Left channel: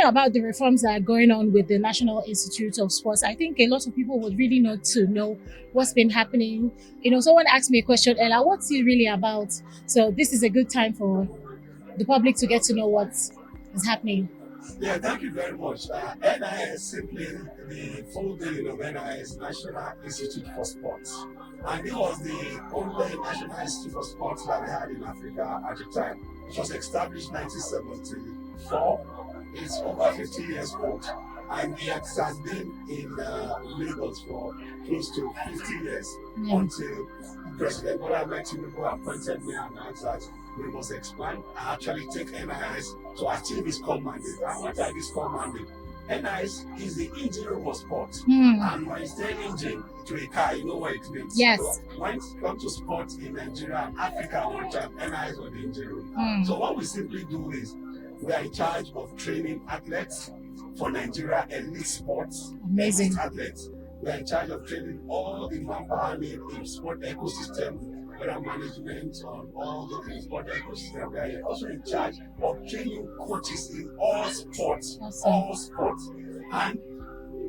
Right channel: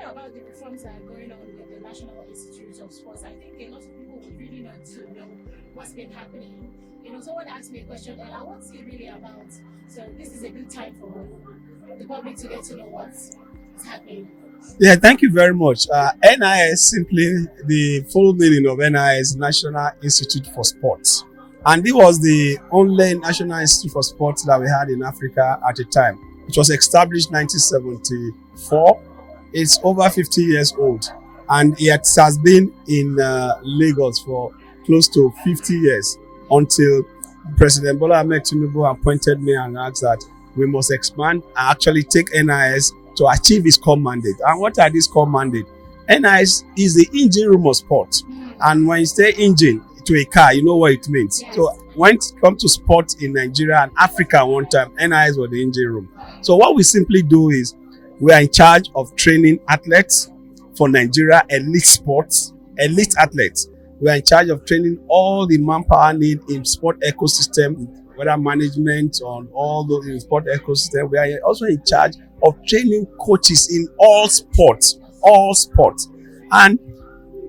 talking about the reforms that are going on with the National Institute of Sports, I think a lot of people would really need to know what's been happening. Someone asked me a question earlier, what's it really about? So this is a good time for the public to get to know what is happening. Yeah, thank you very much. NIS, simply the full meaning of NIS, National Institute for Sports. And it was the only National Institute for Sports that we had in Africa at the time. It was established 1974. It's over 50 years old. And it has been in Lagos for close to 50 years until President Bola Ahmed Tinubu appointed me and asked that we must expand and actually take NIS to achieve its core mandate. And what are these core mandate? NIS is the engine room of sport. And when you say engine to a car, you know what it means. Yes. So when it comes to sport in Nigeria and Africa one time, NIS was the engine room. So what we simply do is we are in charge of training athletes for Nigeria, elite sports, elite athletes. We are in charge of training all the manpower need in sport ecosystem, whether management on all those in sport ecosystem. We are also in charge of training coaches in all sports, And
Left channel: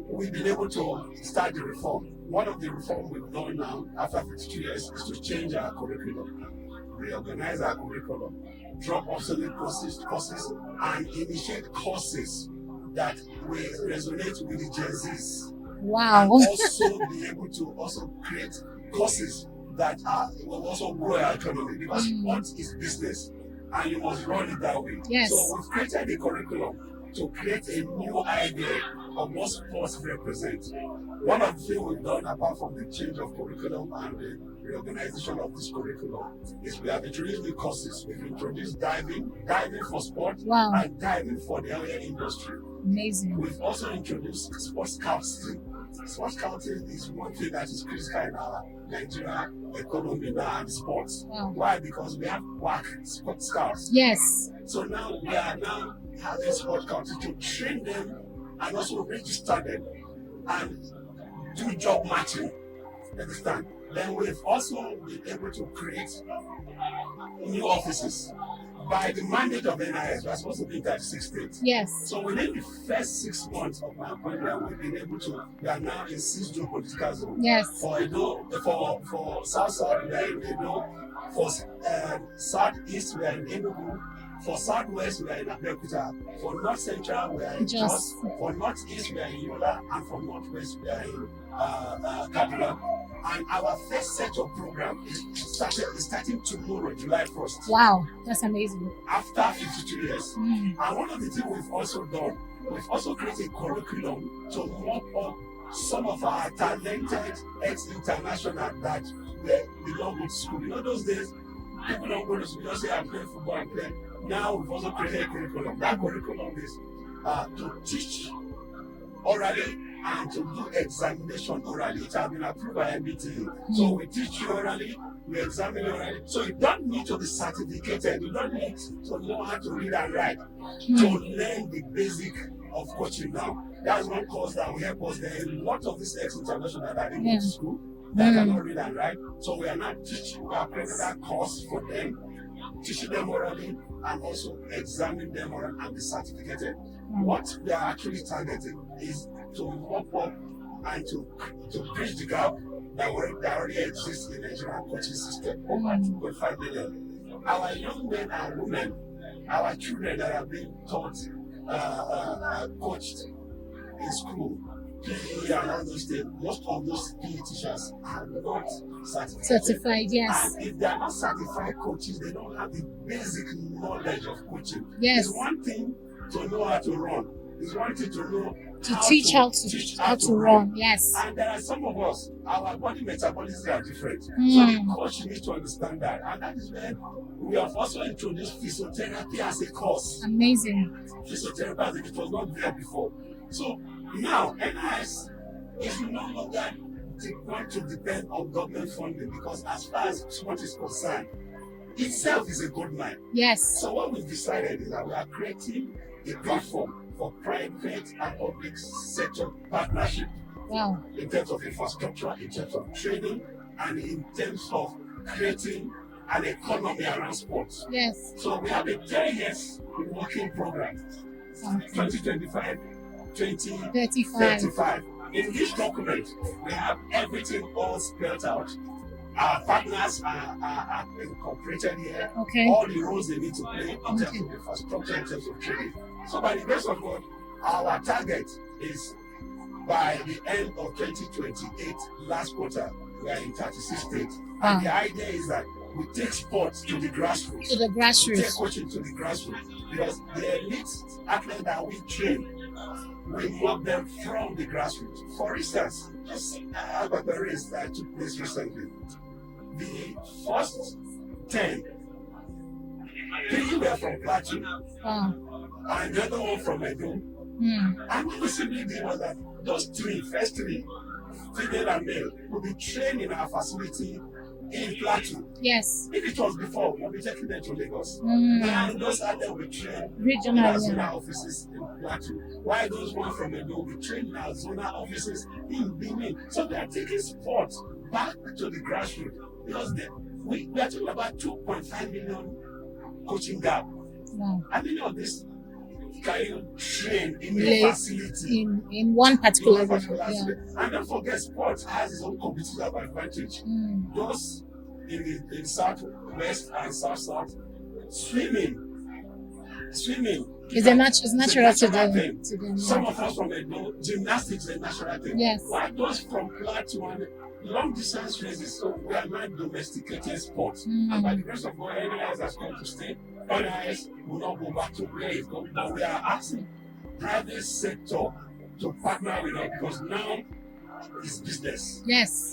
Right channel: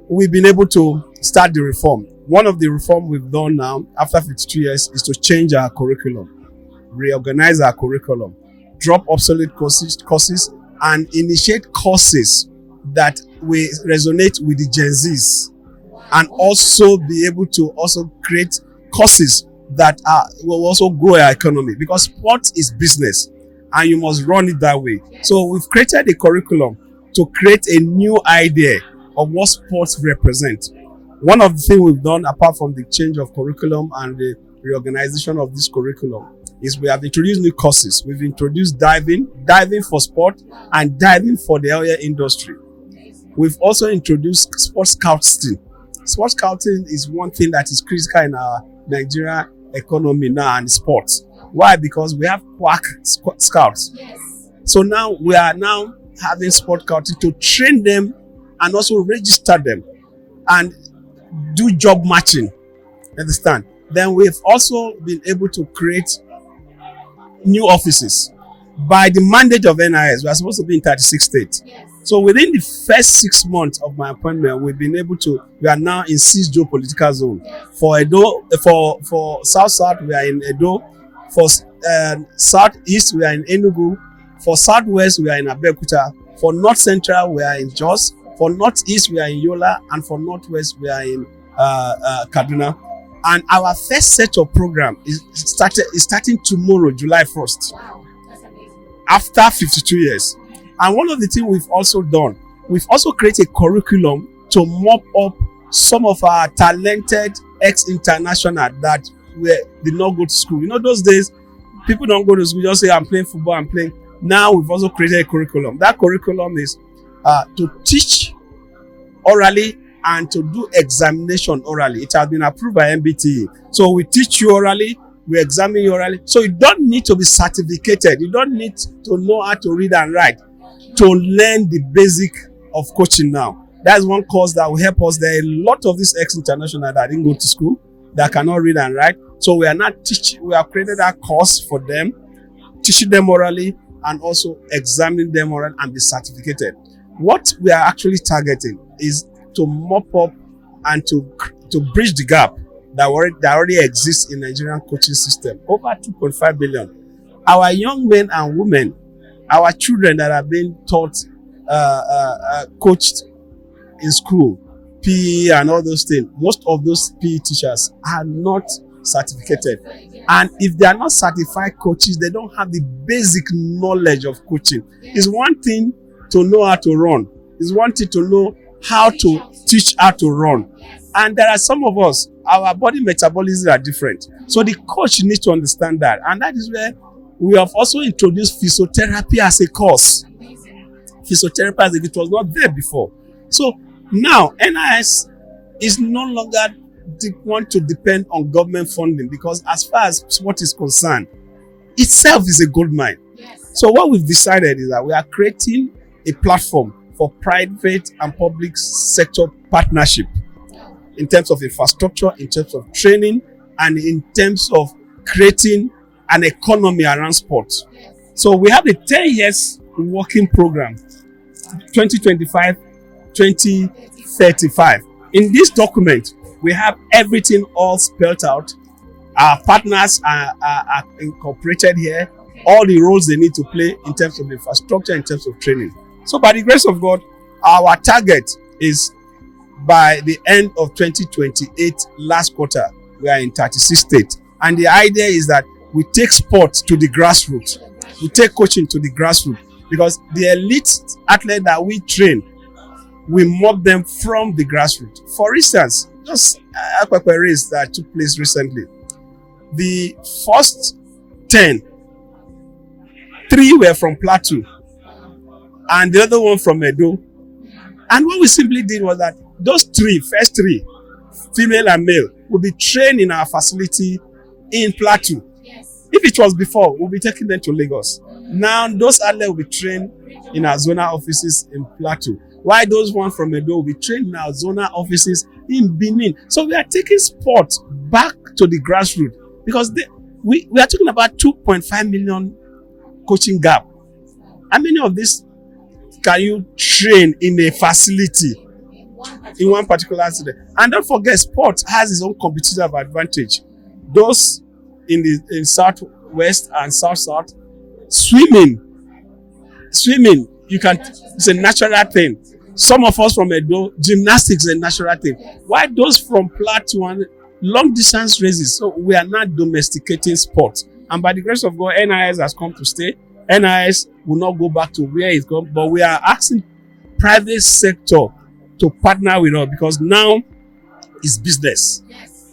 we've been able to start the reform. One of the reform we've done now, after 52 years, is to change our curriculum, reorganize our curriculum, drop obsolete courses, and initiate courses that will resonate with the Gen Zs. Wow. And also be able to also create courses that will also grow our economy, because sport is business and you must run it that way. Yes. So we've created a curriculum to create a new idea of what sports represent. One of the things we've done, apart from the change of curriculum and the reorganization of this curriculum, is we have introduced new courses. We've introduced diving for sport, and diving for the area industry. Amazing. We've also introduced sports scouting. Sports scouting is one thing that is critical in our Nigeria economy now and sports. Why? Because we have quack scouts. Yes. So now we are now having sport scouting to train them and also register them and do job matching. Understand? Then we've also been able to create new offices. By the mandate of NIS, we are supposed to be in 36 states. Yes. So within the first 6 months of my appointment, we are now in 6 geopolitical zones. Yes. For Edo, for South, we are in Edo. For Southeast, we are in Enugu. For Southwest, we are in Abeokuta. For North Central, we are in Jos. For Northeast, we are in Yola. And for Northwest, we are in Kaduna. And our first set of program is starting tomorrow, July 1st. Wow, that's amazing. After 52 years. And one of the things we've also done, we've also created a curriculum to mop up some of our talented ex-international that did not go to school. Those days, people don't go to school, just say, I'm playing football, I'm playing. Now we've also created a curriculum. That curriculum is to teach orally and to do examination orally. It has been approved by MBTE. So we teach you orally, we examine you orally. So you don't need to be certificated. You don't need to know how to read and write to learn the basic of coaching now. That's one course that will help us. There are a lot of these ex-international that didn't go to school, that cannot read and write. So we are not teaching, we have created that course for them, teaching them orally and also examining them orally and be certificated. What we are actually targeting is to mop up and to bridge the gap that already exists in the Nigerian coaching system. Over 2.5 billion. Our young men and women, our children that are being taught, coached in school, PE and all those things, most of those PE teachers are not certificated. Yes. And if they are not certified coaches, they don't have the basic knowledge of coaching. Yes. It's one thing to know how to run. It's one thing to know how to teach how to run. Yes. And there are some of us, our body metabolisms are different. So the coach needs to understand that. And that is where we have also introduced physiotherapy as a course. Amazing. Physiotherapy as it was not there before. So now NIS is no longer want to depend on government funding, because as far as sport is concerned, itself is a gold mine. Yes. So what we've decided is that we are creating a platform for private and public sector partnership. Wow. In terms of infrastructure, in terms of training, and in terms of creating an economy around sports. Yes. So we have a 10 years working program 2025, 2035. In this document, we have everything all spelled out. Our partners are incorporated here. Okay. All the roles they need to play in terms of infrastructure, in terms of training. So by the grace of God, our target is by the end of 2028, last quarter, we are in 36 states. And the idea is that we take sports to the grassroots. We take coaching to the grassroots. Because the elite athletes that we train, we mock them from the grassroots. For instance, just a race that took place recently. The first 10, 3 were from Plateau, and the other one from Edo. And what we simply did was that those first three, female and male, will be trained in our facility in Plateau. Yes. If it was before, we'll be taking them to Lagos. Now, those athletes will be trained in our zonal offices in Plateau. While those ones from Edo will be trained in our zonal offices in Benin. So we are taking sport back to the grassroots because we are talking about 2.5 million coaching gap. Wow. How many of these can you train in a facility? In one particular accident. And don't forget, sport has its own competitive advantage. Those in southwest and south, swimming, it's a natural thing. Some of us from Edo, gymnastics is a natural thing. Yes. Why those from Plateau and long distance races? So we are not domesticating sport. And by the grace of God, NIS has come to stay. NIS will not go back to where it's gone, but we are asking private sector to partner with us because now it's business. Yes.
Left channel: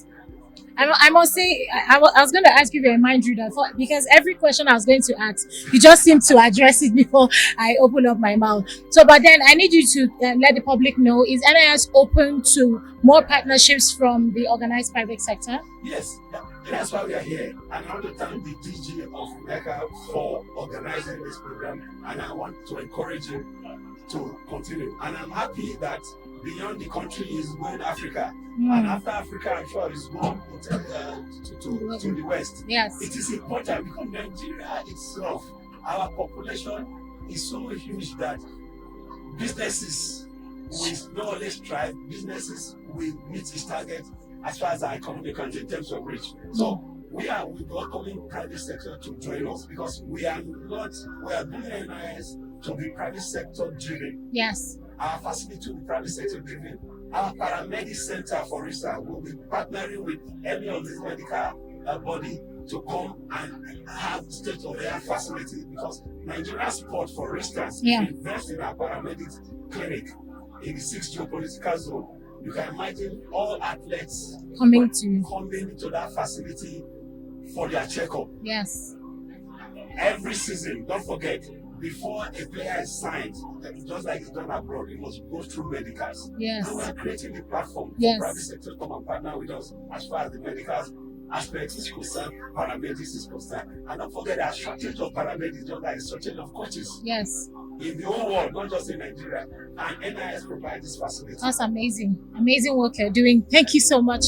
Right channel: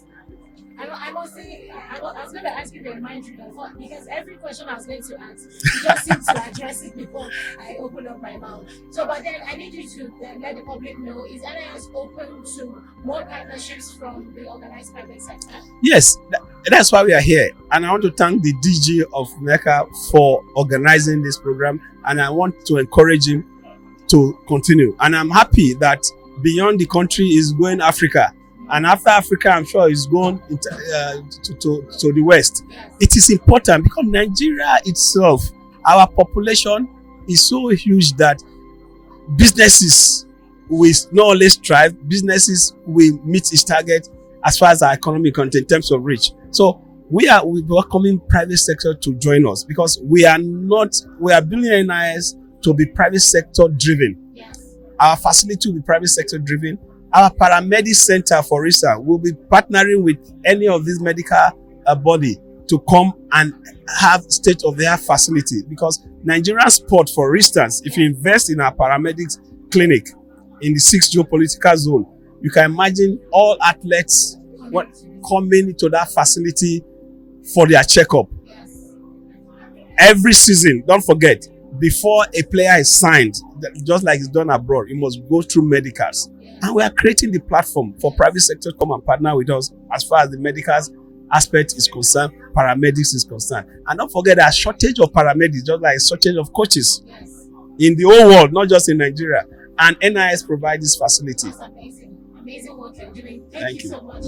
I must say, I was going to ask you a mind reader because every question I was going to ask, you just seemed to address it before I open up my mouth. So, but then I need you to let the public know, is NIS open to more partnerships from the organized private sector? Yes, that's why we are here. And I want to thank the DG of MECA for organizing this program. And I want to encourage him to continue. And I'm happy that beyond the country is going Africa. And after Africa, I'm sure it's going to the West. Yes. It is important because Nigeria itself, our population is so huge that businesses will not only strive, businesses will meet its target as far as our economy content in terms of reach. So we are welcoming private sector to join us because we are building NIS to be private sector driven. Yes. Our facility will be private sector driven. Our paramedic center, for instance, will be partnering with any of these medical body to come and have state-of-the-art facility. Because Nigerian sport, for instance, if you invest in our paramedics clinic in the 6th geopolitical zone, you can imagine all athletes coming to that facility for their checkup. Yes. Every season, don't forget, before a player is signed, just like it's done abroad, it must go through medicals. Yes. And we are creating the platform for private sector to come and partner with us as far as the medicals aspect is concerned, paramedics is concerned. And don't forget that shortage of paramedics, just like a shortage of coaches. Yes. In the whole world, not just in Nigeria. And NIS provides this facility. That's amazing. Amazing work you're doing. Thank you so much.